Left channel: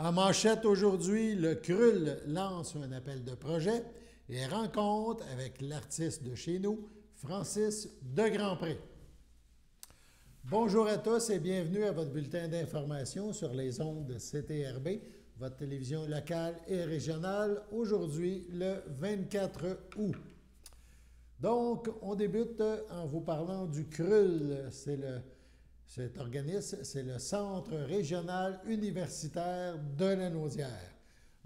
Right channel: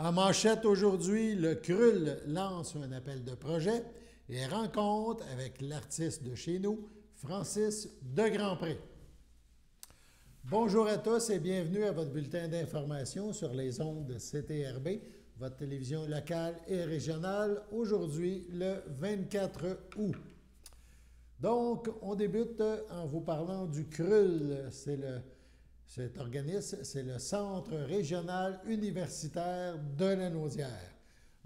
En manchette aujourd'hui, le CRUL lance un appel de projet et rencontre avec l'artiste de chez nous, Francis de Grandpré. Bonjour à tous et bienvenue à votre bulletin d'information sur les ondes de CTRB, votre télévision locale et régionale, aujourd'hui le 24 août. Donc, on débute en vous parlant du CRUL, cet organisme, c'est le Centre régional universitaire de Lanaudière,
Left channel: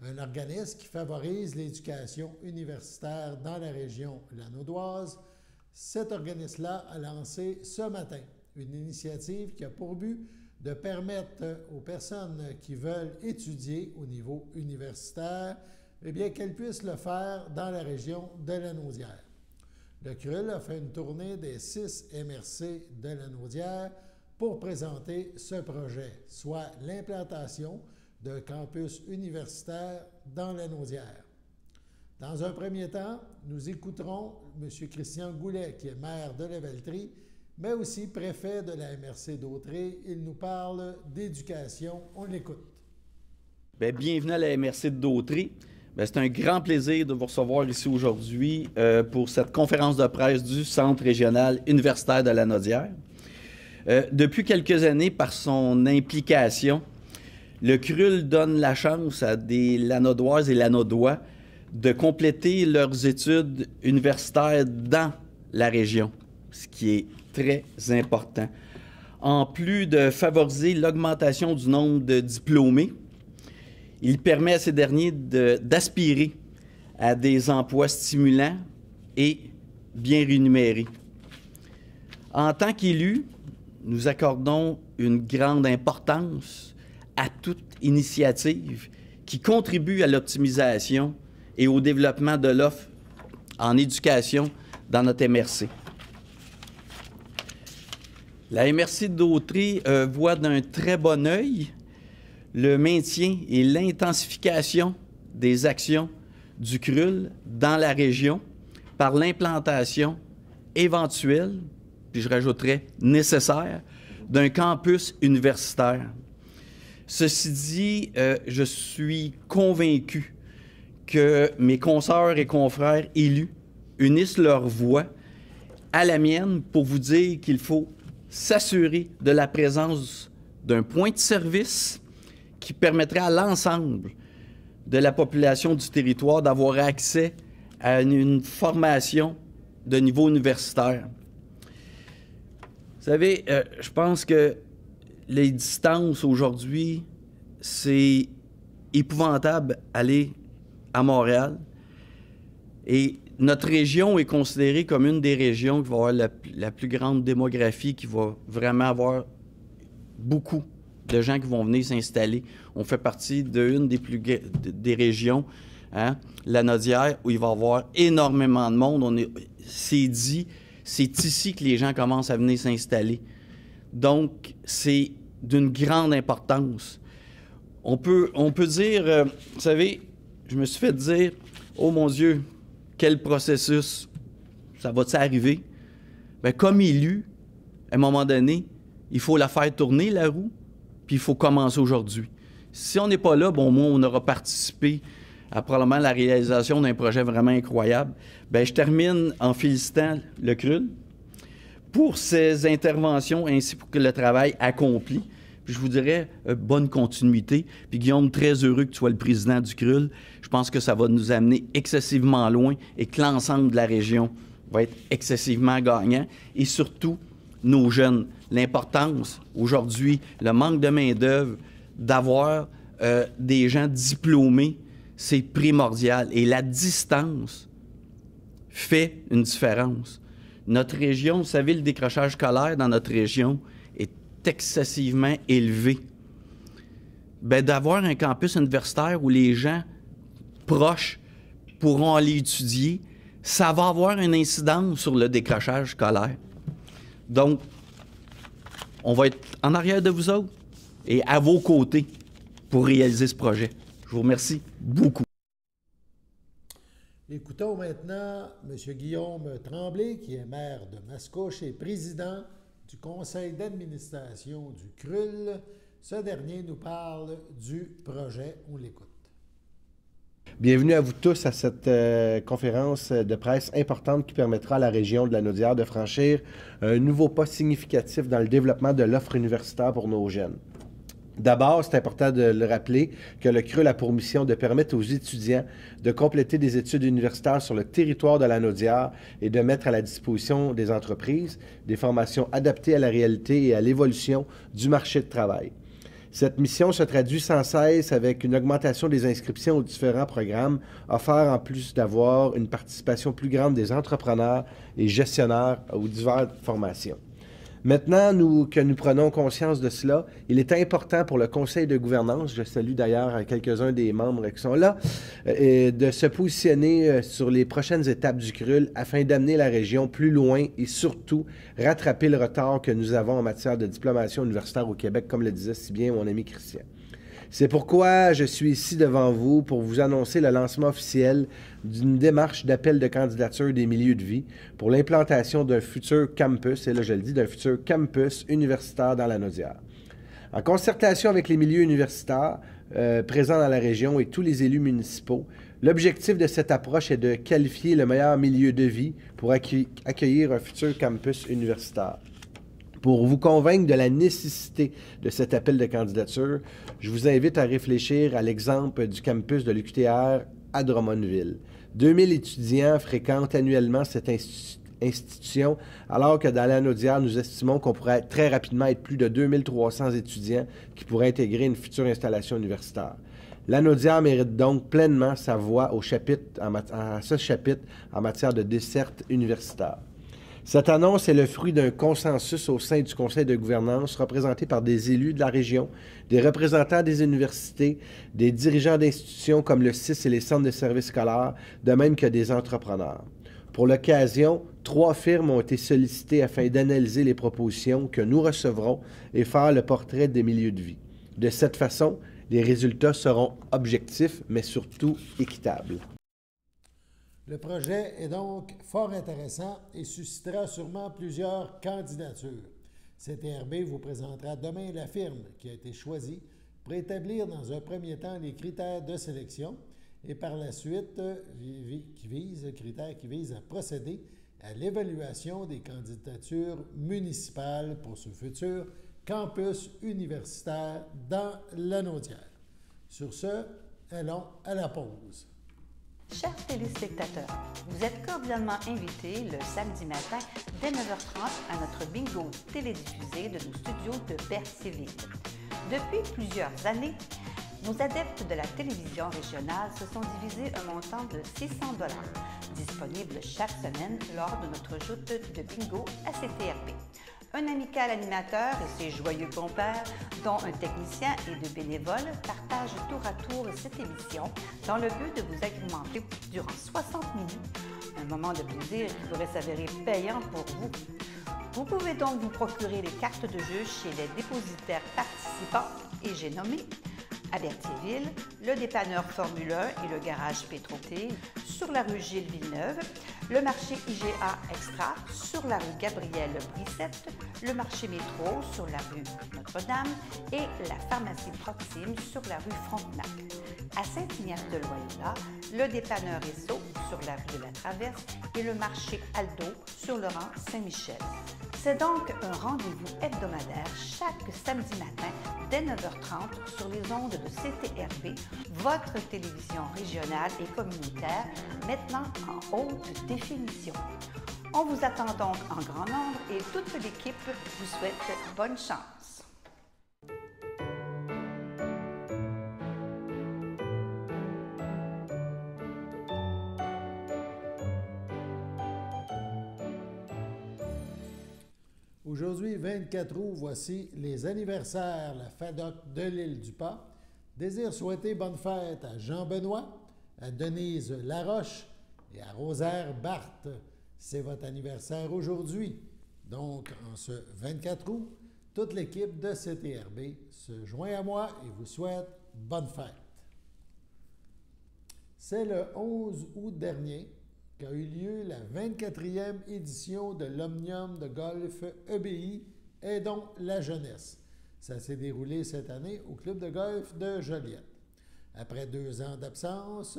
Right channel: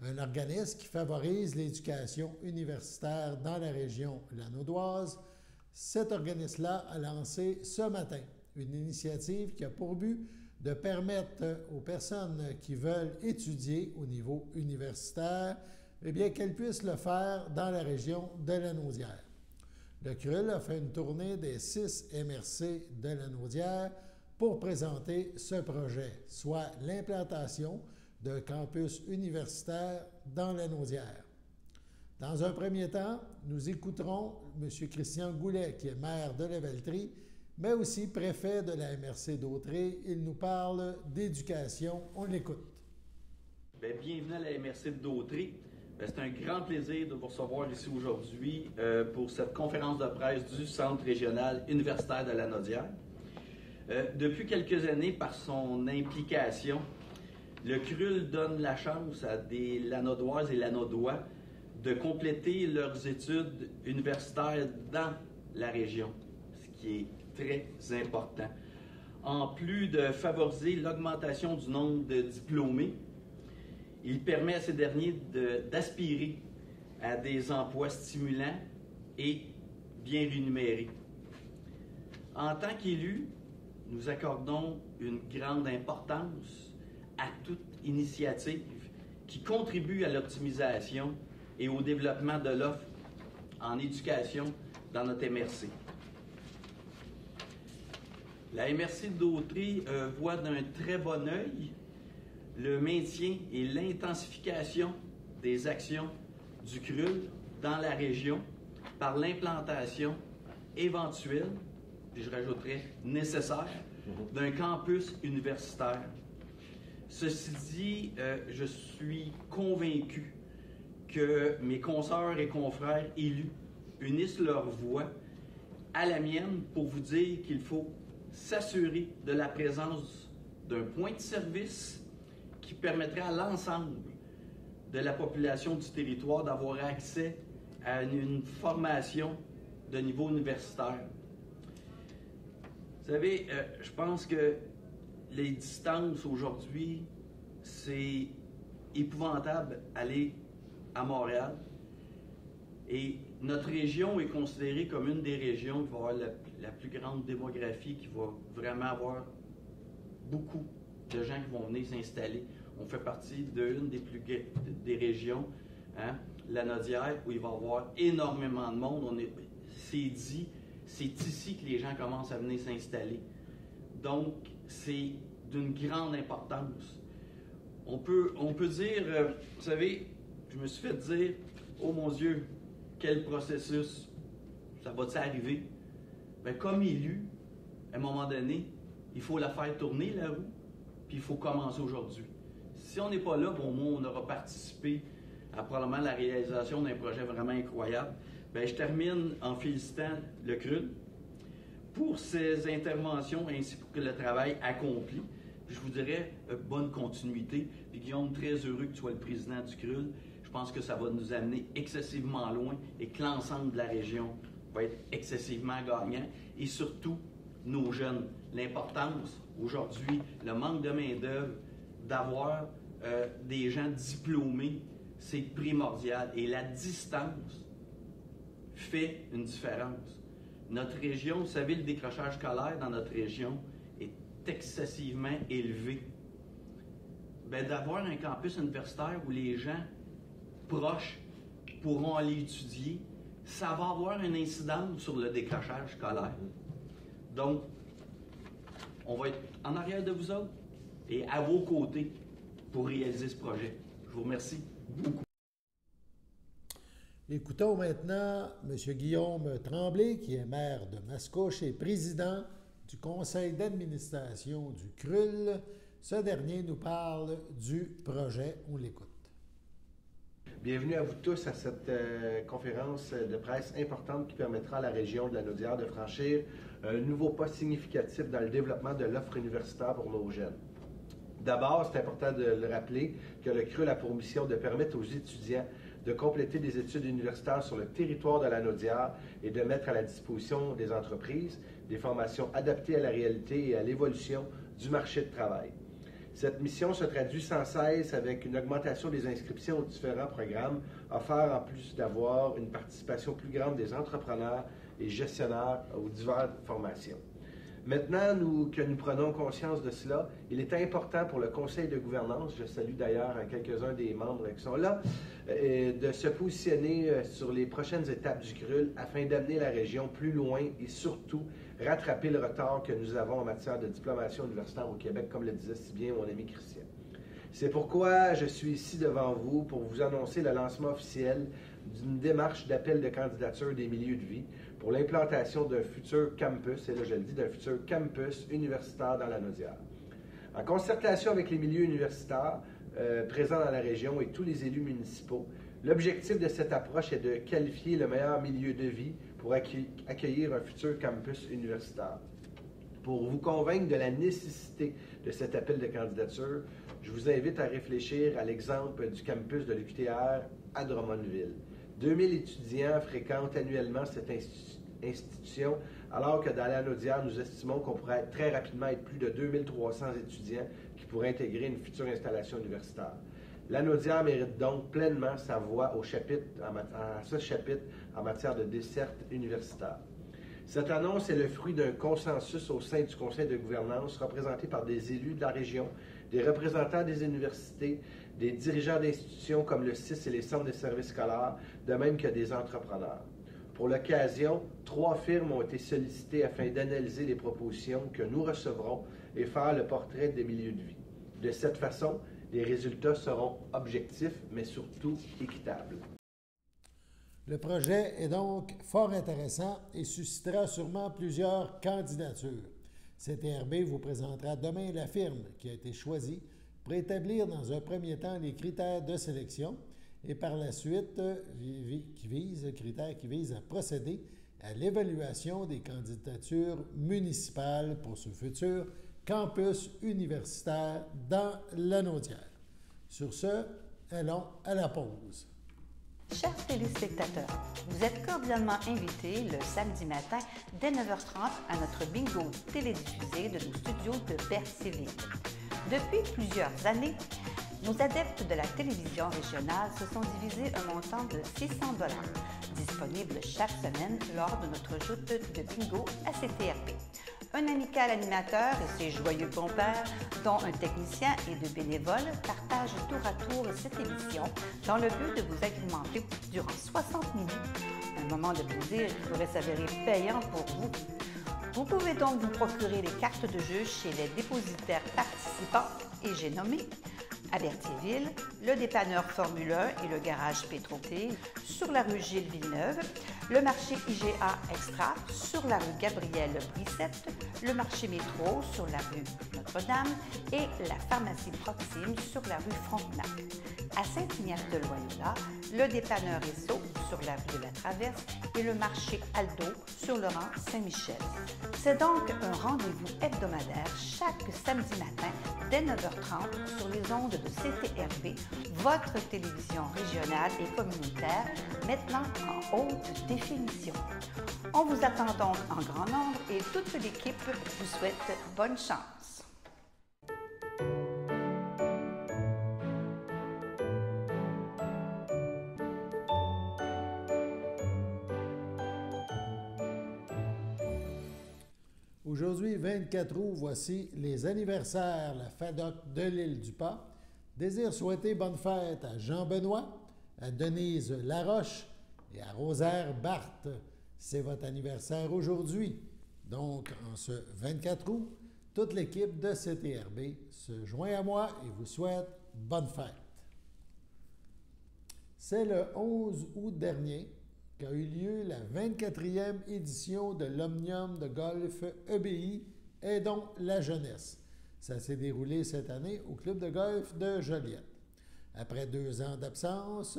un organisme qui favorise l'éducation universitaire dans la région lanaudoise. Cet organisme-là a lancé ce matin une initiative qui a pour but de permettre aux personnes qui veulent étudier au niveau universitaire, eh bien, qu'elles puissent le faire dans la région de Lanaudière. Le CRUL a fait une tournée des 6 MRC de Lanaudière pour présenter ce projet, soit l'implantation d'un campus universitaire dans Lanaudière. Dans un premier temps, nous écouterons M. Christian Goulet, qui est maire de Lavaltrie, mais aussi préfet de la MRC d'Autrey. Il nous parle d'éducation. On l'écoute. Bien, bienvenue à la MRC d'Autrey. C'est un grand plaisir de vous recevoir ici aujourd'hui pour cette conférence de presse du Centre régional universitaire de Lanaudière. Depuis quelques années, par son implication, le CRUL donne la chance à des Lanaudoises et Lanaudois de compléter leurs études universitaires dans la région, ce qui est très important. En plus de favoriser l'augmentation du nombre de diplômés, il permet à ces derniers d'aspirer à des emplois stimulants et bien rémunérés. En tant qu'élus, nous accordons une grande importance à toute initiative qui contribue à l'optimisation et au développement de l'offre en éducation dans notre MRC. La MRC d'Autrey voit d'un très bon œil le maintien et l'intensification des actions du CRUL dans la région par l'implantation éventuelle, puis je rajouterais nécessaire, d'un campus universitaire. Ceci dit, je suis convaincu que mes consoeurs et confrères élus unissent leur voix à la mienne pour vous dire qu'il faut s'assurer de la présence d'un point de service qui permettrait à l'ensemble de la population du territoire d'avoir accès à une formation de niveau universitaire. Vous savez, je pense que les distances aujourd'hui, c'est épouvantable aller à Montréal. Et notre région est considérée comme une des régions qui va avoir la plus grande démographie, qui va vraiment avoir beaucoup de gens qui vont venir s'installer. On fait partie d'une des régions, hein, Lanaudière, où il va y avoir énormément de monde. C'est dit, c'est ici que les gens commencent à venir s'installer. Donc, c'est d'une grande importance. On peut dire, vous savez, je me suis fait dire, oh mon Dieu, quel processus, ça va-t-il arriver? Bien, comme élu, à un moment donné, il faut la faire tourner, la roue, puis il faut commencer aujourd'hui. Si on n'est pas là, bon, moi, on aura participé à probablement la réalisation d'un projet vraiment incroyable. Bien, je termine en félicitant le CRUL pour ses interventions ainsi que le travail accompli. Puis je vous dirais, bonne continuité. Puis Guillaume, très heureux que tu sois le président du CRUL. Je pense que ça va nous amener excessivement loin et que l'ensemble de la région va être excessivement gagnant. Et surtout, nos jeunes. L'importance, aujourd'hui, le manque de main-d'œuvre, d'avoir des gens diplômés, c'est primordial. Et la distance fait une différence. Notre région, vous savez, le décrochage scolaire dans notre région est excessivement élevé. Bien, d'avoir un campus universitaire où les gens proches pourront aller étudier, ça va avoir une incidence sur le décrochage scolaire. Donc, on va être en arrière de vous autres et à vos côtés pour réaliser ce projet. Je vous remercie beaucoup. Écoutons maintenant M. Guillaume Tremblay, qui est maire de Mascouche et président du conseil d'administration du CRUL. Ce dernier nous parle du projet. On l'écoute. Bienvenue à vous tous à cette conférence de presse importante qui permettra à la région de la Naudière de franchir un nouveau pas significatif dans le développement de l'offre universitaire pour nos jeunes. D'abord, c'est important de le rappeler que le CRUL a pour mission de permettre aux étudiants de compléter des études universitaires sur le territoire de la Naudière et de mettre à la disposition des entreprises des formations adaptées à la réalité et à l'évolution du marché de travail. Cette mission se traduit sans cesse avec une augmentation des inscriptions aux différents programmes offerts en plus d'avoir une participation plus grande des entrepreneurs et gestionnaires aux diverses formations. Maintenant que nous prenons conscience de cela, il est important pour le conseil de gouvernance, je salue d'ailleurs quelques-uns des membres qui sont là, de se positionner sur les prochaines étapes du CRUL afin d'amener la région plus loin et surtout rattraper le retard que nous avons en matière de diplomation universitaire au Québec, comme le disait si bien mon ami Christian. C'est pourquoi je suis ici devant vous pour vous annoncer le lancement officiel d'une démarche d'appel de candidature des milieux de vie pour l'implantation d'un futur campus, et là je le dis, d'un futur campus universitaire dans la Naudière. En concertation avec les milieux universitaires présents dans la région et tous les élus municipaux, l'objectif de cette approche est de qualifier le meilleur milieu de vie pour accueillir un futur campus universitaire. Pour vous convaincre de la nécessité de cet appel de candidature, je vous invite à réfléchir à l'exemple du campus de l'UQTR à Drummondville. 2000 étudiants fréquentent annuellement cette institution, alors que dans la Naudière, nous estimons qu'on pourrait très rapidement être plus de 2300 étudiants qui pourraient intégrer une future installation universitaire. La Naudière mérite donc pleinement sa voix à ce chapitre en matière de desserte universitaire. Cette annonce est le fruit d'un consensus au sein du conseil de gouvernance représenté par des élus de la région, des représentants des universités, des dirigeants d'institutions comme le CIS et les centres de services scolaires, de même que des entrepreneurs. Pour l'occasion, 3 firmes ont été sollicitées afin d'analyser les propositions que nous recevrons et faire le portrait des milieux de vie. De cette façon, les résultats seront objectifs, mais surtout équitables. Le projet est donc fort intéressant et suscitera sûrement plusieurs candidatures. CTRB vous présentera demain la firme qui a été choisie pour établir dans un premier temps les critères de sélection et par la suite qui vise à procéder à l'évaluation des candidatures municipales pour ce futur campus universitaire dans la Naudière. Sur ce, allons à la pause. Chers téléspectateurs, vous êtes cordialement invités le samedi matin dès 9h30 à notre bingo télédiffusé de nos studios de Berthierville. Depuis plusieurs années, nos adeptes de la télévision régionale se sont divisés un montant de 600 $, disponible chaque semaine lors de notre joute de bingo à CTRB. Un amical animateur et ses joyeux compères, dont un technicien et 2 bénévoles, partagent tour à tour cette émission dans le but de vous agrémenter durant 60 minutes. Un moment de plaisir qui pourrait s'avérer payant pour vous. Vous pouvez donc vous procurer les cartes de jeu chez les dépositaires participants et j'ai nommé à Berthierville, le dépanneur Formule 1 et le garage Pétroté sur la rue Gilles Villeneuve, le marché IGA Extra sur la rue Gabrielle Brissette, le marché Métro sur la rue Notre-Dame et la pharmacie Proxime sur la rue Frontenac. À Saint-Ignace-de-Loyola, le dépanneur Esso sur la rue de la Traverse et le marché Aldo sur le rang Saint-Michel. C'est donc un rendez-vous hebdomadaire chaque samedi matin dès 9h30 sur les ondes de CTRB, votre télévision régionale et communautaire, maintenant en haute définition. On vous attend donc en grand nombre et toute l'équipe vous souhaite bonne chance. Aujourd'hui, 24 août, voici les anniversaires. La FADOC de l'Île-du-Pas désire souhaiter bonne fête à Jean Benoît, à Denise Laroche et à Rosaire Barthes. C'est votre anniversaire aujourd'hui. Donc, en ce 24 août, toute l'équipe de CTRB se joint à moi et vous souhaite bonne fête. C'est le 11 août dernier qu'a eu lieu la 24e édition de l'Omnium de golf EBI Aidons la jeunesse. Ça s'est déroulé cette année au club de golf de Joliette. Après 2 ans d'absence,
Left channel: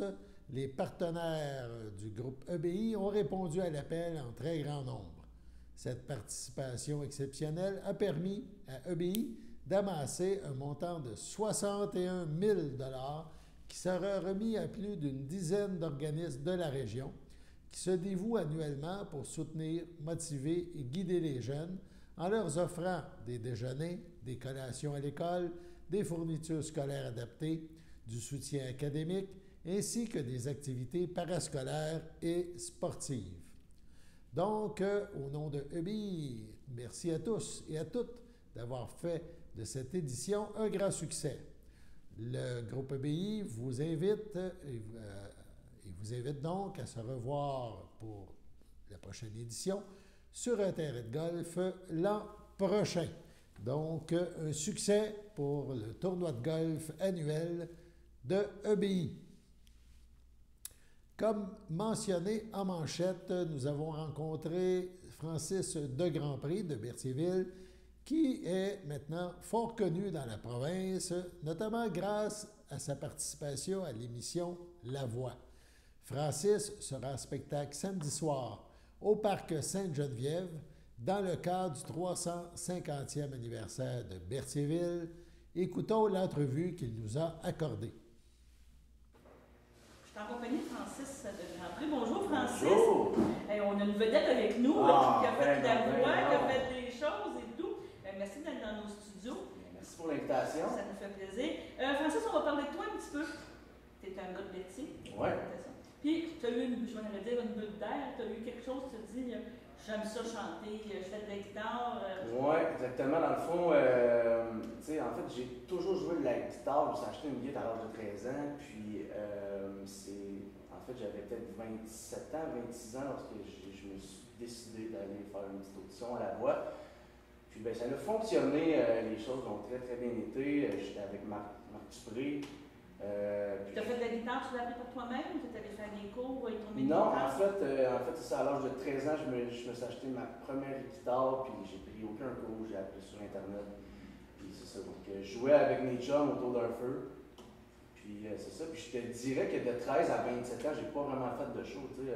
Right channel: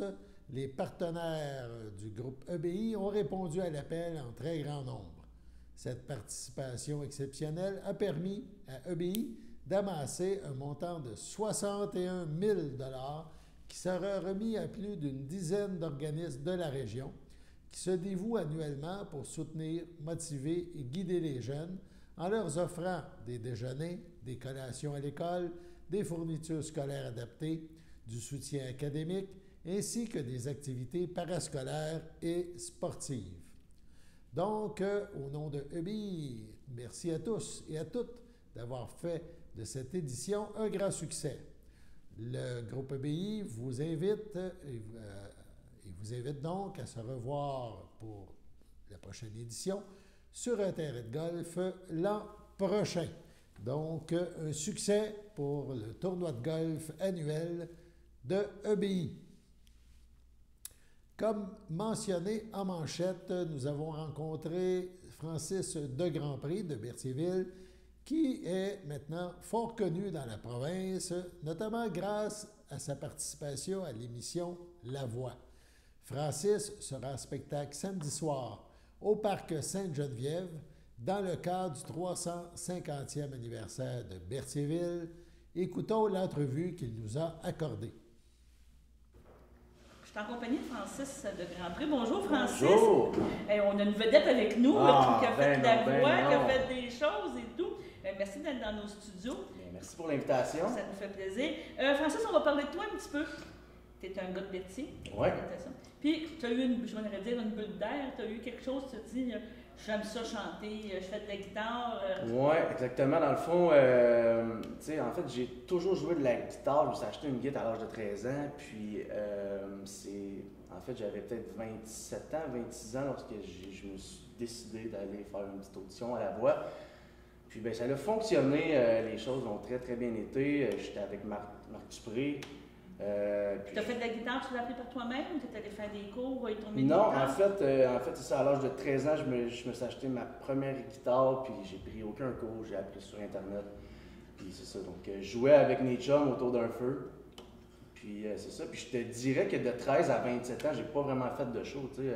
les partenaires du groupe EBI ont répondu à l'appel en très grand nombre. Cette participation exceptionnelle a permis à EBI d'amasser un montant de 61 000 $ qui sera remis à plus d'une dizaine d'organismes de la région qui se dévouent annuellement pour soutenir, motiver et guider les jeunes en leur offrant des déjeuners, des collations à l'école, des fournitures scolaires adaptées, du soutien académique, ainsi que des activités parascolaires et sportives. Donc, au nom de EBI, merci à tous et à toutes d'avoir fait de cette édition un grand succès. Le groupe EBI vous invite donc à se revoir pour la prochaine édition sur un terrain de golf l'an prochain. Donc, un succès pour le tournoi de golf annuel de EBI. Comme mentionné en manchette, nous avons rencontré Francis de Grandpré de Berthierville, qui est maintenant fort connu dans la province, notamment grâce à sa participation à l'émission La Voix. Francis sera en spectacle samedi soir au Parc Sainte-Geneviève dans le cadre du 350e anniversaire de Berthierville. Écoutons l'entrevue qu'il nous a accordée. Je suis en compagnie de Francis de Grandpré. Bonjour Francis. Bonjour. On a une vedette avec nous qui a fait de la voix, qui a fait des choses et tout. Merci d'être dans nos studios. Merci pour l'invitation. Ça nous fait plaisir. Francis, on va parler de toi un petit peu. Tu es un gars de Berthier. Oui. Puis, tu as eu, je voudrais dire, une bulle d'air. Tu as eu quelque chose, tu te dis, j'aime ça chanter, je fais de la guitare. Oui, exactement. Dans le fond, tu sais, en fait, j'ai toujours joué de la guitare. Je me suis acheté une guitare à l'âge de 13 ans. Puis, en fait, j'avais peut-être 27 ans, 26 ans lorsque je me suis décidé d'aller faire une petite audition à La Voix. Puis, bien, ça a fonctionné. Les choses ont très, très bien été. J'étais avec Marc Dupré. Tu as fait de la guitare, tu l'as appris par toi-même ou tu es allé faire des cours ou ton métier? Non, en fait, c'est ça, à l'âge de 13 ans, je me suis acheté ma première guitare, puis j'ai pris aucun cours, j'ai appris sur Internet. Puis c'est ça, donc je jouais avec mes chums autour d'un feu. Puis c'est ça, puis je te dirais que de 13 à 27 ans, j'ai pas vraiment fait de show, tu sais.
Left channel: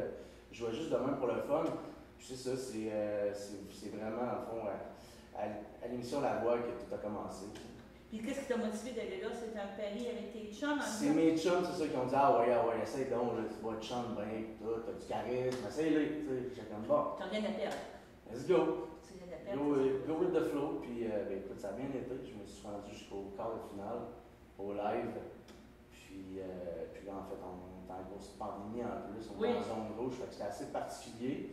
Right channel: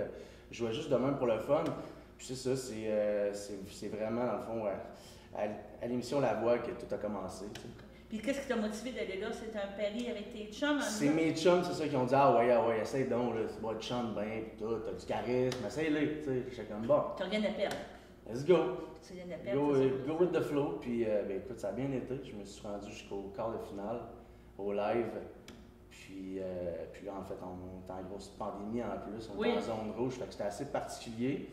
Je jouais juste de même pour le fun. Puis c'est ça, c'est vraiment, dans le fond, à l'émission La Voix que tout a commencé, tu sais. Puis qu'est-ce qui t'a motivé d'aller là? C'était un pari avec tes chums? C'est mes chums, c'est ça, qui ont dit ah ouais, essaye donc, là, tu vois, tu chantes bien, pis t'as du charisme, essaye-le, tu sais. J'étais comme bon. T'as rien à perdre. Let's go. Tu rien à perdre. Go with the flow, puis ben, écoute, ça a bien été. Je me suis rendu jusqu'au quart de finale, au live. Puis là, en fait, on était en grosse pandémie en plus, on était en zone rouge, fait que c'était assez particulier.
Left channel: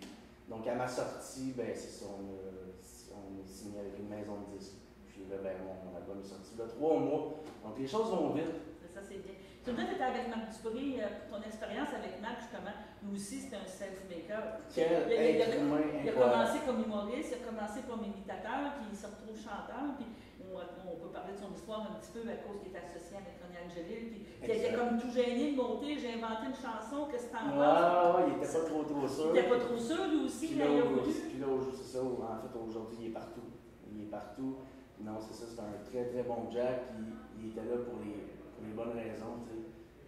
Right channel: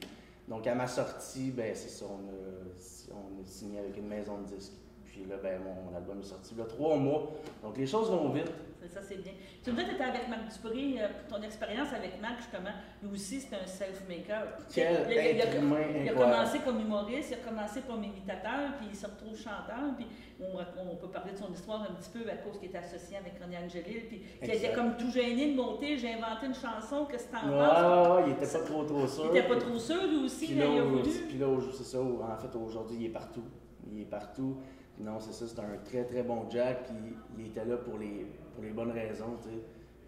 Donc à ma sortie, ben c'est ça, on est signé avec une maison de disques. Puis là, ben, mon album est sorti il y a 3 mois. Donc les choses vont vite. Ça, c'est bien. Tu me dis que tu étais avec Marc Dupré, pour ton expérience avec Marc, justement. Lui aussi, c'était un self-maker. Il a commencé comme humoriste, il a commencé comme imitateur, puis il se retrouve chanteur. Puis on peut parler de son histoire un petit peu à cause qu'il était associé avec René Angélil. Puis il était comme tout gêné de monter. J'ai inventé une chanson, qu'est-ce que t'en penses? Il était pas trop sûr. Il était pas trop sûr, lui aussi, puis là, il a voulu. Puis là, c'est ça, en fait, aujourd'hui, il est partout. Non, c'est ça, c'est un très très bon Jack, puis il était là pour les bonnes raisons, tu sais.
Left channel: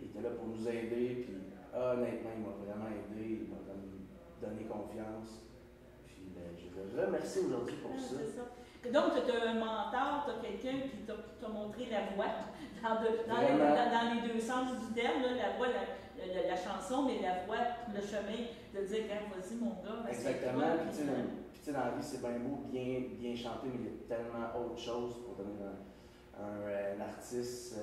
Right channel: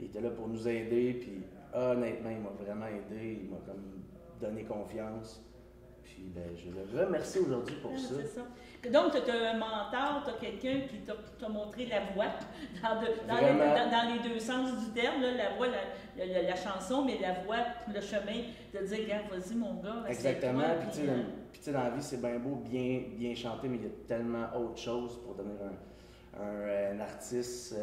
Il était là pour nous aider, puis honnêtement, il m'a vraiment aidé, il m'a comme donné confiance. Puis ben, je le remercie aujourd'hui pour ça. C'est ça. Donc, tu as un mentor, tu as quelqu'un qui t'a montré la voie, dans les deux sens du terme, là, la voie, la chanson, mais la voie, le chemin, de dire, regarde, vas-y mon gars. Exactement, puis tu sais, dans la vie, c'est bien beau, bien chanter, mais il y a tellement autre chose pour devenir un artiste,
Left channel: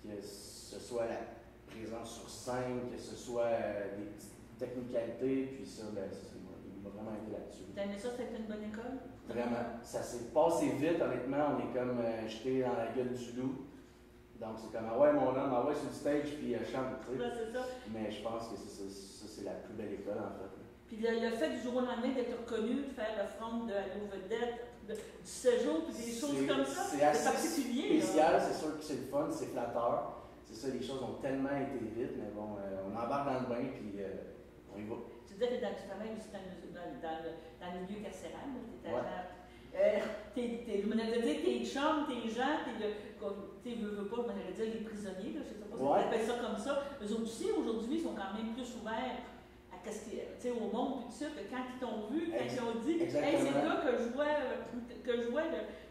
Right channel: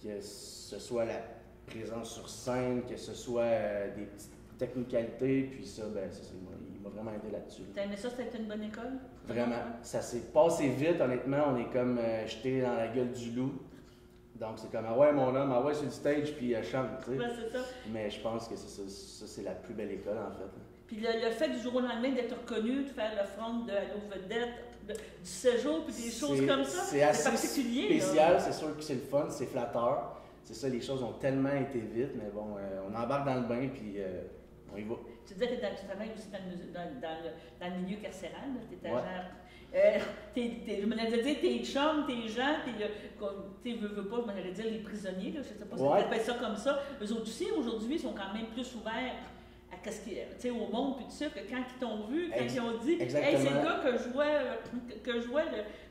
que ce soit la présence sur scène, que ce soit des petites technicalités, puis ça, ben, il m'a vraiment aidé là-dessus. T'as aimé ça, c'était une bonne école? Vraiment. Ça s'est passé vite, honnêtement. On est comme jeté dans la gueule du loup. Donc, c'est comme, ah ouais, mon homme, ah ouais, sur le stage, puis chante, tu sais. Ouais, c'est ça. Mais je pense que ça, c'est la plus belle école, en fait. Puis le fait du jour au lendemain d'être reconnu, de faire le front de Allo Vedette, du séjour, puis des choses comme ça, c'est assez particulier. Spécial, c'est sûr que c'est le fun, c'est flatteur. C'est ça, les choses ont tellement été vite, mais bon, on embarque dans le bain, puis on y va. Tu disais que tu travailles aussi dans le milieu carcéral, tu étais agent Je me allais dire tes chums, tes gens, tu veux pas, je me allais dire les prisonniers, là, je sais pas si on appelle ça comme ça. Eux autres aussi, aujourd'hui, ils sont quand même plus ouverts au monde, puis tout ça, que quand ils t'ont vu, quand ils ont dit, hey, c'est le gars que je vois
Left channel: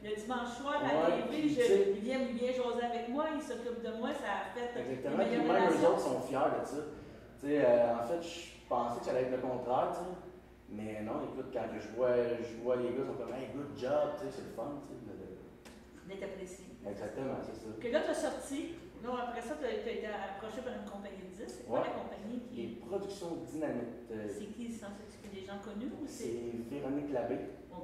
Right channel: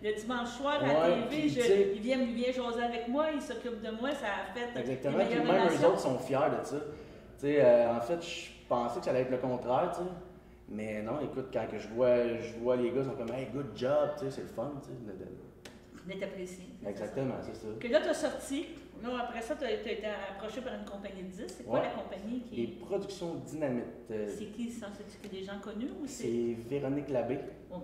le dimanche soir à la TV, il vient jaser avec moi, il s'occupe de moi, ça a fait. Exactement, puis même eux autres sont fiers de ça. En fait, je pensais que ça allait être le contraire, tu sais. Mais non, écoute, quand que je vois les gars, ils sont comme, hey, good job, tu sais, c'est le fun, tu sais. D'être apprécié. Exactement, c'est ça. Que là, tu as sorti, là, après ça, tu as été approché par une compagnie de disques. C'est quoi la compagnie qui. Les Productions Dynamite. C'est qui ça? C'est des gens connus ou c'est. C'est Véronique Labbé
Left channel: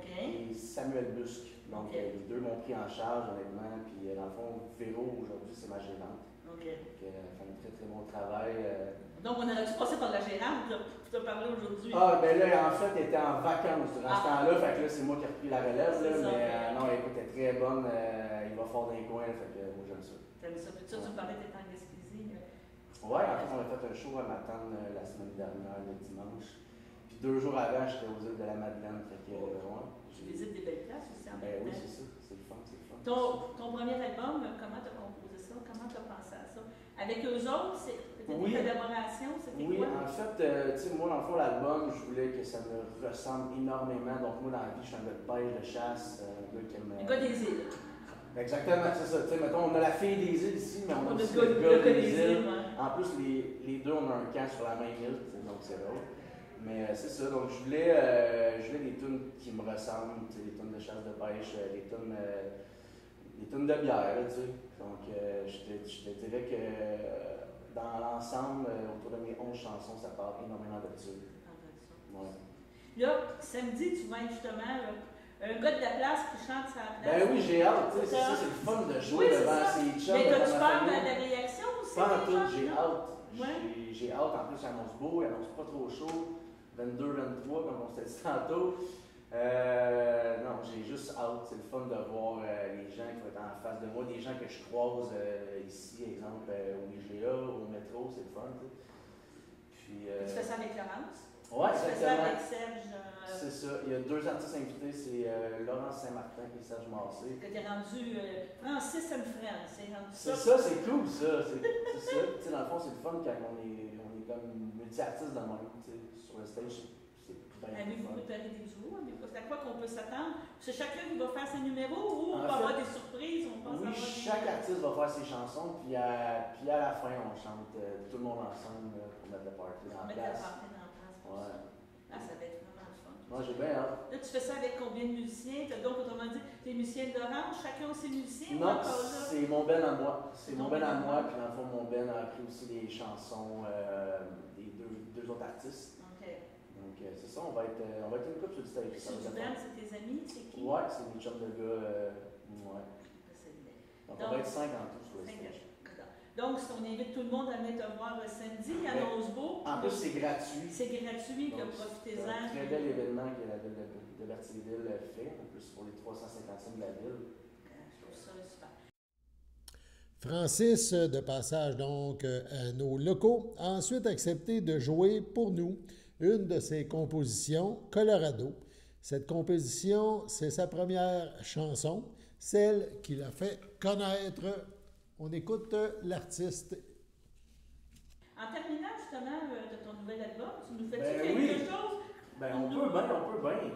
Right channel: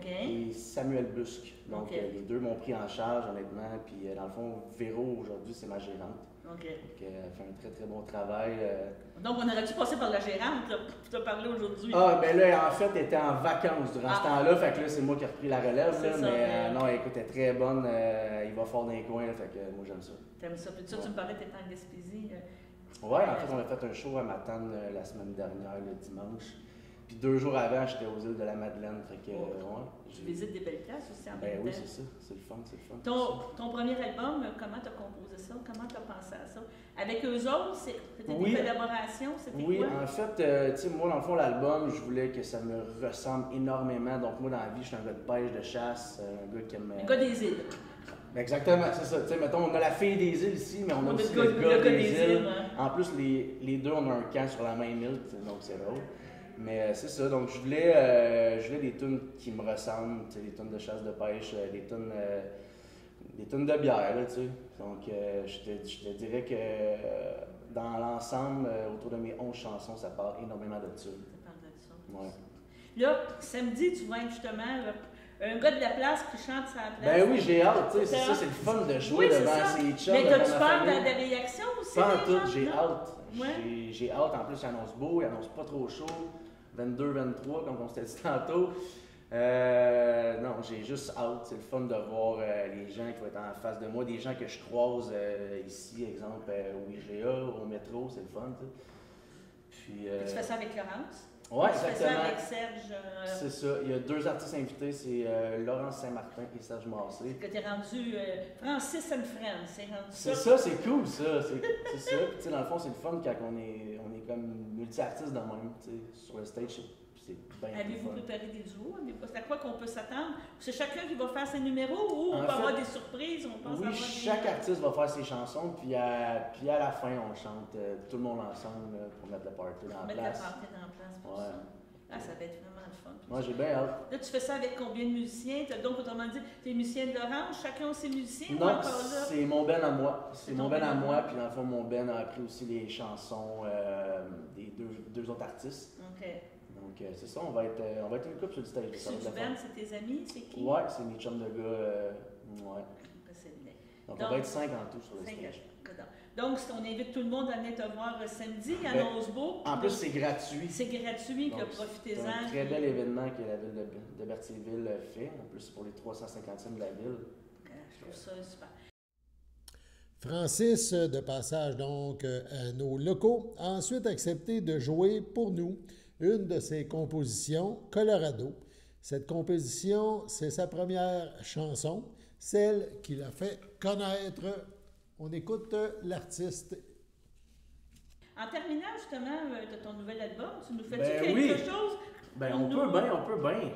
et Samuel Busque. Donc, les deux m'ont pris en charge, honnêtement. Puis, dans le fond, Véro, aujourd'hui, c'est ma gérante. Donc, elle fait un très, très bon travail. Donc, on aurait dû passer par la gérante là, pour te parler aujourd'hui. Ah, ben là, en fait, elle était en vacances durant ce temps-là. Fait que là, c'est moi qui ai repris la relève. Là, mais non, écoute, elle est très bonne. Il va fort dans les coins. Fait que moi, j'aime ça. T'aimes ça? Puis ça, tu me parlais que t'étais en Gaspésie. Ouais, en fait, on a fait un show à Matane la semaine dernière, le dimanche. Puis 2 jours avant, j'étais aux îles de la Madeleine. Fait que, Tu visites des belles places aussi en même temps. Oui, c'est ça. C'est le fun, c'est le fun. Ton premier album, comment t'as composé ça? Comment t'as pensé à ça? Avec eux autres, c'était des collaborations? C'était oui, quoi? En fait, tu sais, moi, dans le fond, l'album, je voulais que ça me ressemble énormément. Donc, moi, dans la vie, je suis un gars de pêche, de chasse, un gars qui aime. Le gars des îles. Exactement, c'est ça. Tu sais, mettons, on a la fille des îles ici, mais on a aussi le gars des îles. En plus, les deux, on a un camp sur la même île, donc c'est drôle. Mais c'est ça, donc je voulais des tunes qui me ressemblent, tu sais, des tunes de chasse, de pêche, des tunes de bière, là, tu sais. Donc, je te dirais que dans l'ensemble, autour de mes 11 chansons, ça parle énormément de ça. Ça parle de ça. Ouais. Là, samedi, tu vas être justement un gars de la place qui chante sa place. Ben oui, j'ai hâte, tu sais, c'est ça, c'est le fun de jouer devant ses chums. Mais t'as-tu peur de la réaction aussi? Pas en tout, j'ai hâte. Ouais. J'ai hâte, en plus, il annonce beau, il annonce pas trop chaud. 22, 23, comme on s'était dit tantôt. Non, j'ai juste hâte. C'est le fun de voir les gens qui vont être en face de moi, des gens que je croise ici, exemple, au IGA, au métro, c'est le fun. Puis, tu fais ça avec Laurence? Oui, exactement. Tu fais ça avec Serge? C'est ça. Il y a 2 artistes invités, c'est Laurence Saint-Martin et Serge Massé. C'est que tu es rendu Francis and Friends, c'est rendu ça. C'est ça, c'est cool ça. C'est ça. Puis, tu sais, dans le fond, c'est le fun quand on est comme multi-artistes dans le même, sur le stage. Avez-vous préparé des duos? C'est à quoi qu'on peut s'attendre? C'est chacun qui va faire ses numéros ou on peut avoir des surprises? Oui, chaque artiste va faire ses chansons, puis à la fin, on chante tout le monde ensemble pour mettre le party dans la place. Mettre le party dans la place pour ça. Ah, ça va être vraiment le fun. Moi, j'ai bien hâte. Là, tu fais ça avec combien de musiciens? Donc, autrement dit, tu es musicien de Laurence, chacun a ses musiciens non, ou encore là? C'est mon ben à moi. C'est mon ben à moi, puis dans le fond, mon ben a appris aussi les chansons des deux autres artistes. OK. Donc, c'est ça, on va être une couple sur le stage. Sur du band, c'est tes amis? C'est qui? Ouais, c'est mes chums de gars. Ouais. Donc, on va être 5 en tout sur le stage. Donc, si on invite tout le monde à venir te voir samedi à Nosbeau. En plus, c'est gratuit. C'est gratuit, que profitez-en. C'est un très bel événement que la ville de Berthierville fait. En plus, pour les 350e de la ville. Je trouve ça super. Francis, de passage donc à nos locaux, a ensuite accepté de jouer pour nous une de ses compositions, Colorado. Cette composition, c'est sa première chanson, celle qui l'a fait connaître. On écoute l'artiste. En terminant, justement, de ton nouvel album, tu nous fais quelque chose? Ben, on peut bien.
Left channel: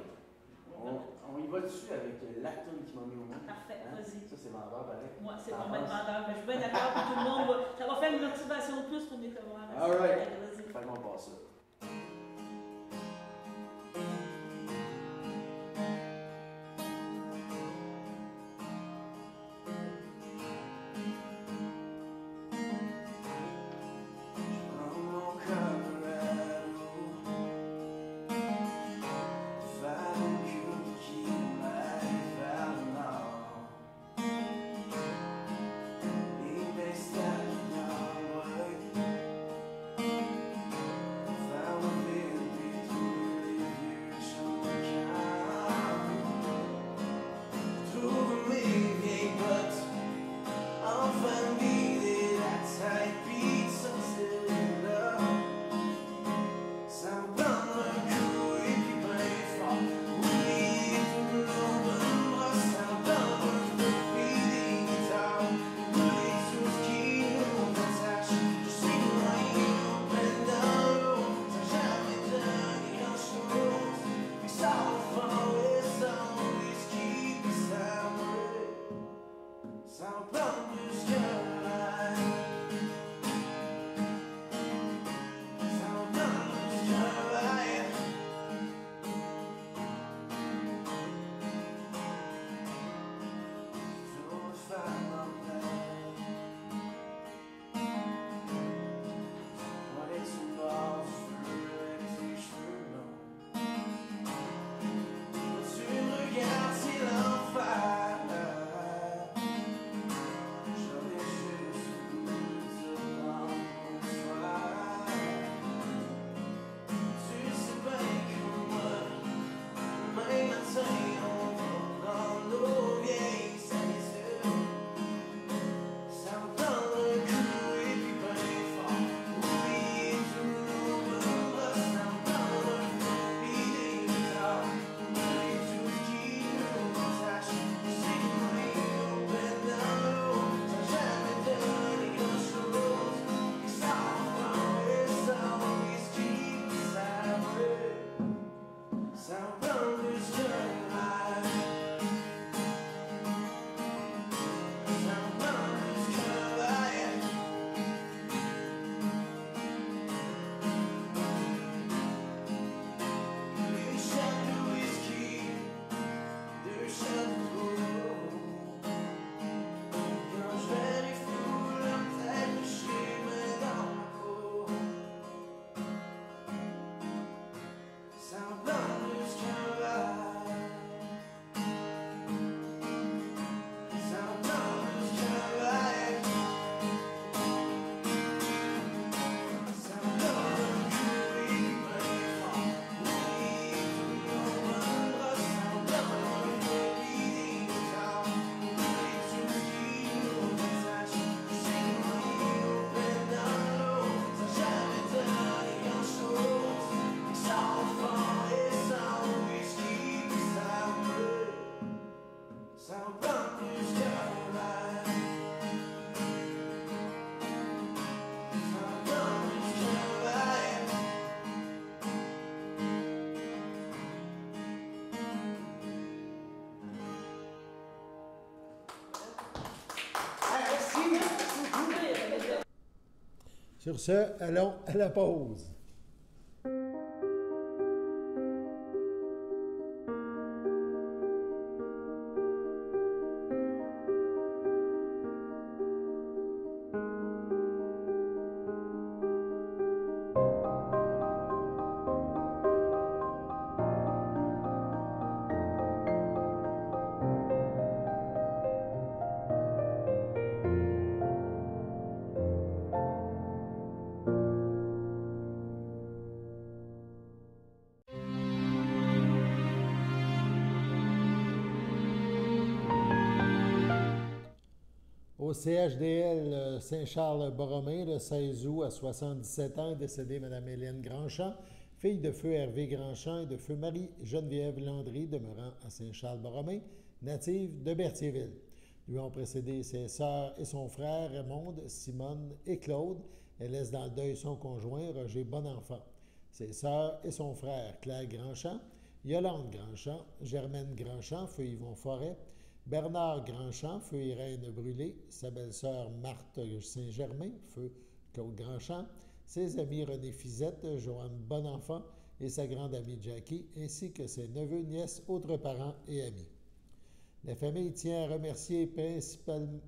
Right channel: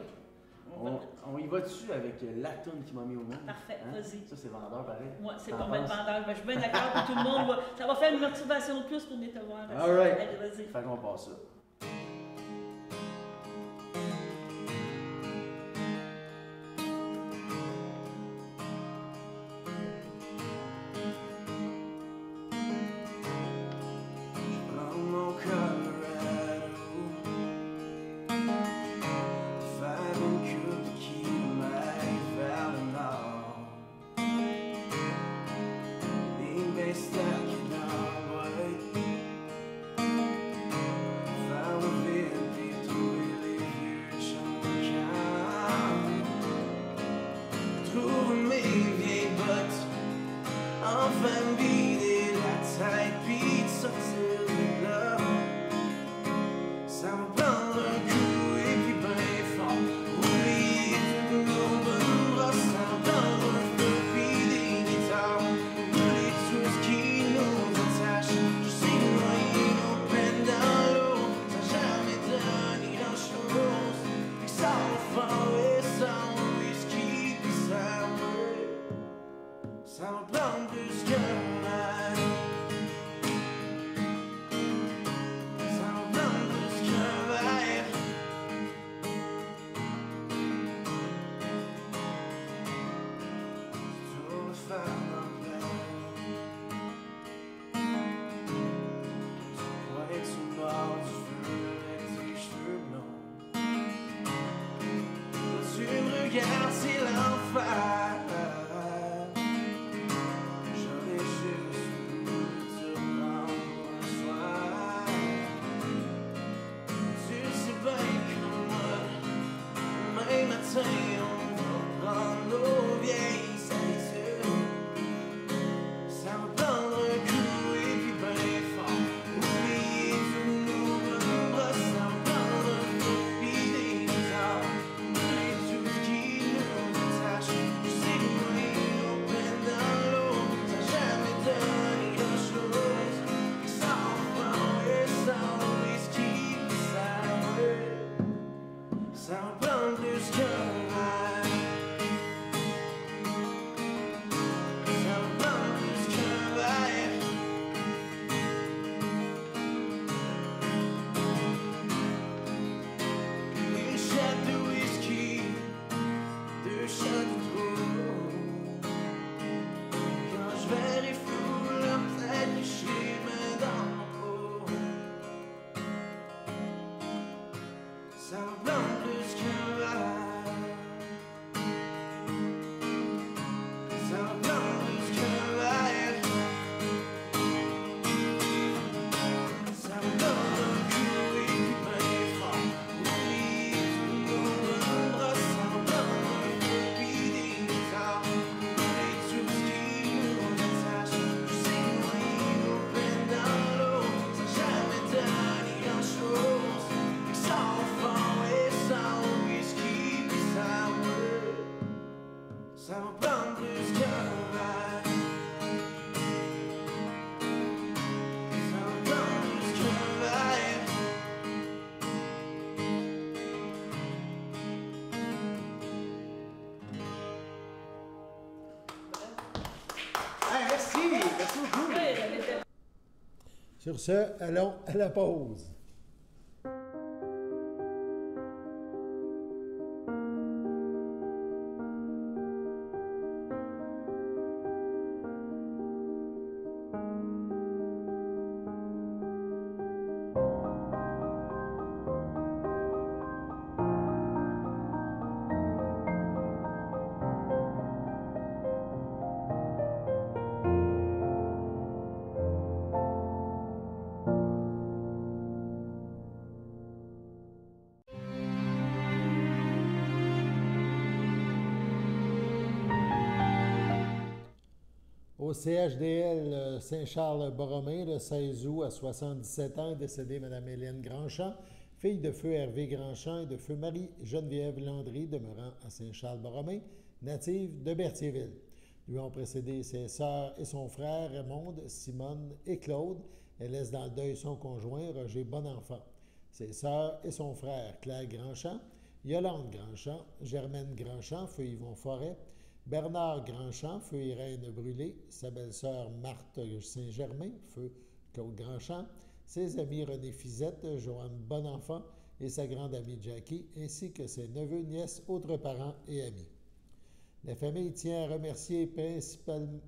On y va dessus avec la toune qui m'a mis au monde. Parfait, vas-y. Ça, c'est vendeur, pareil. Moi, c'est pas mal vendeur. Ben, je suis bien d'accord que tout le monde ça va faire une motivation de plus pour venir te voir. All right. Allez, vas-y. Fait qu'on passe ça. Sur ce, allons à la pause. Au CHDL Saint-Charles-Borromée, le 16 août, à 77 ans, est décédée Mme Hélène Grandchamp, fille de feu Hervé Grandchamp et de feu Marie-Geneviève Landry, demeurant à Saint-Charles-Borromée, native de Berthierville. Lui ont précédé ses sœurs et son frère Raymonde, Simone et Claude. Elle laisse dans le deuil son conjoint, Roger Bonenfant. Ses sœurs et son frère, Claire Grandchamp, Yolande Grandchamp, Germaine Grandchamp, feu Yvon Forêt, Bernard Grandchamp, feu Irène Brûlé, sa belle-sœur Marthe Saint-Germain, feu Claude Grandchamp, ses amis René Fizette, Joanne Bonenfant et sa grande amie Jackie, ainsi que ses neveux, nièces, autres parents et amis. La famille tient à remercier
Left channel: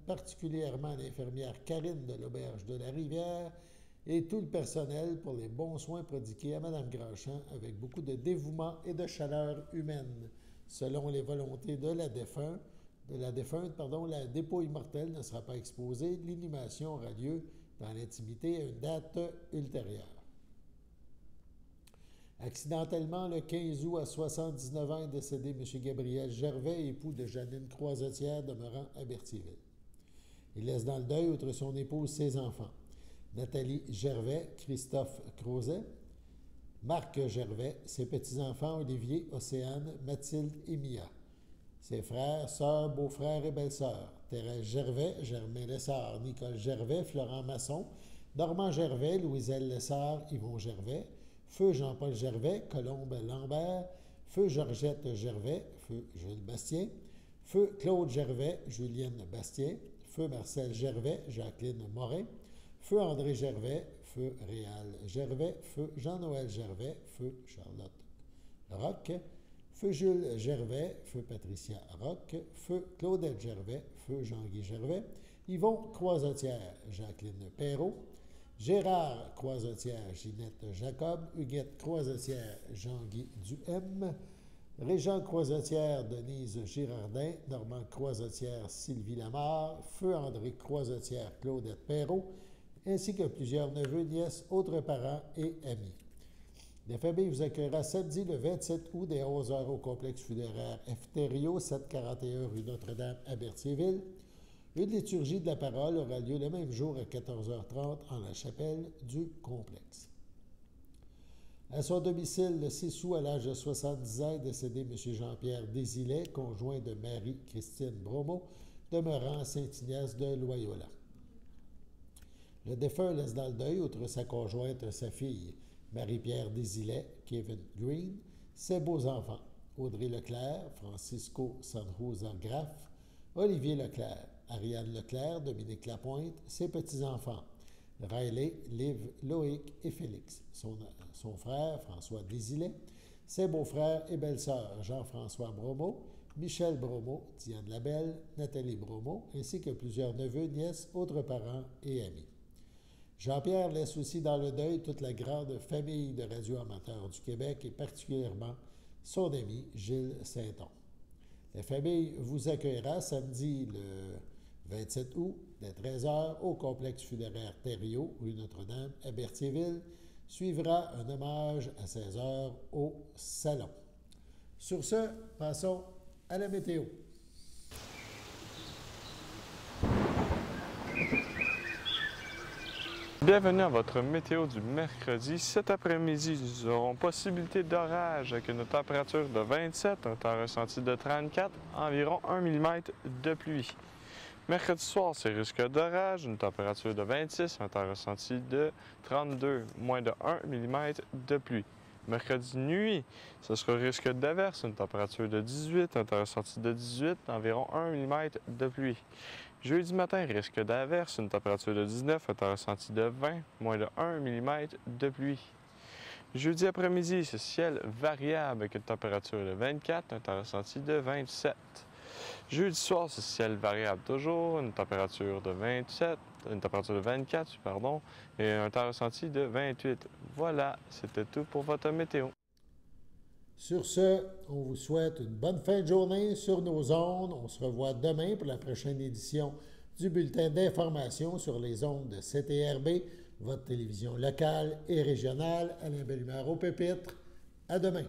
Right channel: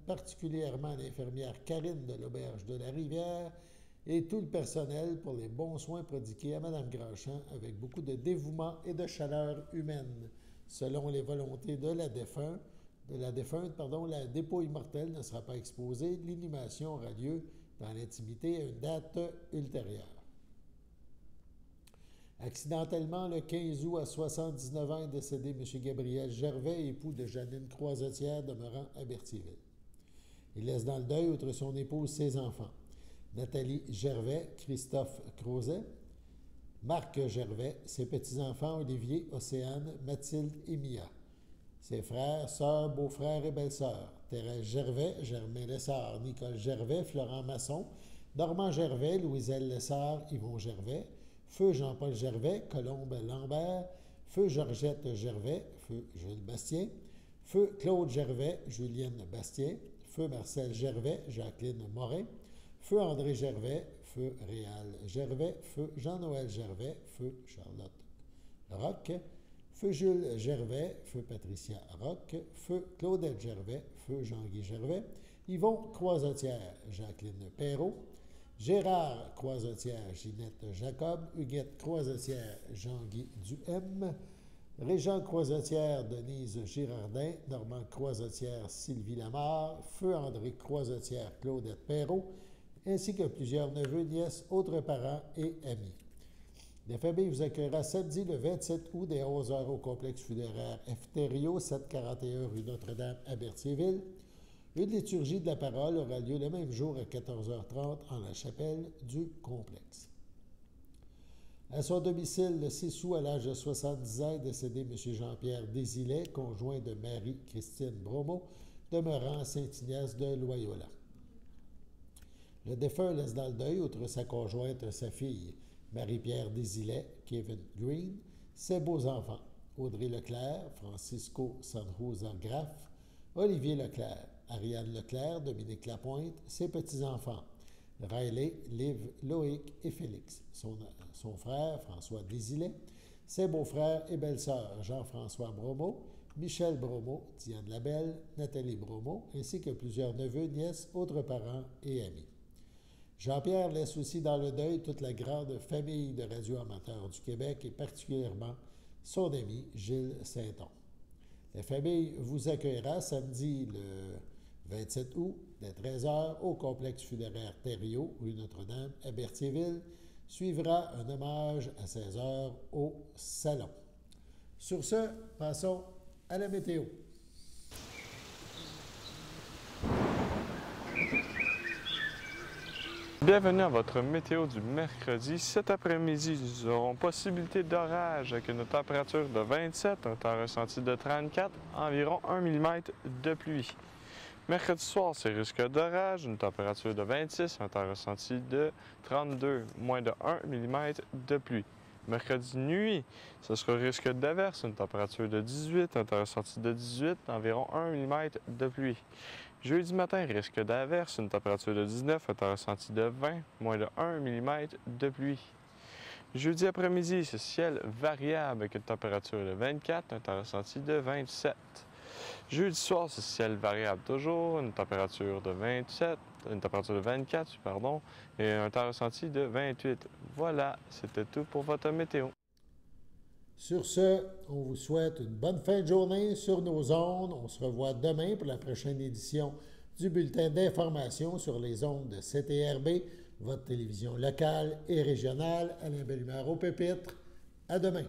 particulièrement l'infirmière Karine de l'Auberge de la Rivière et tout le personnel pour les bons soins prodigués à Mme Grandchamp avec beaucoup de dévouement et de chaleur humaine. Selon les volontés de la défunte, la dépouille mortelle ne sera pas exposée. L'inhumation aura lieu dans l'intimité à une date ultérieure. Accidentellement, le 15 août, à 79 ans, est décédé M. Gabriel Gervais, époux de Janine Croisetière, demeurant à Berthierville. Il laisse dans le deuil, outre son épouse, ses enfants. Nathalie Gervais, Christophe Crozet, Marc Gervais, ses petits-enfants Olivier, Océane, Mathilde et Mia. Ses frères, sœurs, beaux-frères et belles-sœurs, Thérèse Gervais, Germain Lessard, Nicole Gervais, Florent Masson, Normand Gervais, Louiselle Lessard, Yvon Gervais, feu Jean-Paul Gervais, Colombe Lambert, feu Georgette Gervais, feu Jules Bastien, feu Claude Gervais, Julienne Bastien, feu Marcel Gervais, Jacqueline Morin, feu André Gervais, feu Réal Gervais, feu Jean-Noël Gervais, feu Charlotte Roch, feu Jules Gervais, feu Patricia Roch, feu Claudette Gervais, feu Jean-Guy Gervais, Yvon Croisetière, Jacqueline Perrault, Gérard Croisetière, Ginette Jacob, Huguette Croisetière, Jean-Guy Duhem, Régent Croisetière, Denise Girardin, Normand Croisetière, Sylvie Lamarre, feu André Croisetière, Claudette Perrault, ainsi que plusieurs neveux, nièces, autres parents et amis. La famille vous accueillera samedi le 27 août dès 11h au complexe funéraire Efterio, 741 rue Notre-Dame à Berthierville. Une liturgie de la parole aura lieu le même jour à 14h30 en la chapelle du complexe. À son domicile, le 6 août, à l'âge de 70 ans, est décédé M. Jean-Pierre Désilet, conjoint de Marie-Christine Bromeau, demeurant à Saint-Ignace de Loyola. Le défunt laisse dans le deuil, outre sa conjointe, sa fille, Marie-Pierre Désilet, Kevin Green, ses beaux-enfants, Audrey Leclerc, Francisco Sanrosa Graff, Olivier Leclerc, Ariane Leclerc, Dominique Lapointe, ses petits-enfants, Riley, Liv, Loïc et Félix, son frère, François Désilet, ses beaux-frères et belles-sœurs, Jean-François Bromeau, Michel Bromeau, Diane Labelle, Nathalie Bromeau, ainsi que plusieurs neveux, nièces, autres parents et amis. Jean-Pierre laisse aussi dans le deuil toute la grande famille de radioamateurs du Québec et particulièrement son ami Gilles Sainton. La famille vous accueillera samedi le 27 août, dès 13h, au complexe funéraire Thériault, rue Notre-Dame, à Berthierville. Suivra un hommage à 16h au salon. Sur ce, passons à la météo. Bienvenue à votre météo du mercredi. Cet après-midi, nous aurons possibilité d'orage avec une température de 27, un temps ressenti de 34, environ 1 mm de pluie. Mercredi soir, c'est risque d'orage, une température de 26, un temps ressenti de 32, moins de 1 mm de pluie. Mercredi nuit, ce sera risque d'averse, une température de 18, un temps ressenti de 18, environ 1 mm de pluie. Jeudi matin, risque d'averse, une température de 19, un temps ressenti de 20, moins de 1 mm de pluie. Jeudi après-midi, c'est ciel variable avec une température de 24, un temps ressenti de 27. Jeudi soir, c'est ciel variable toujours, une température de 24, pardon, et un temps ressenti de 28. Voilà, c'était tout pour votre météo. Sur ce, on vous souhaite une bonne fin de journée sur nos ondes. On se revoit demain pour la prochaine édition du bulletin d'information sur les ondes de CTRB, votre télévision locale et régionale. Alain Bellumeur au pupitre. À demain.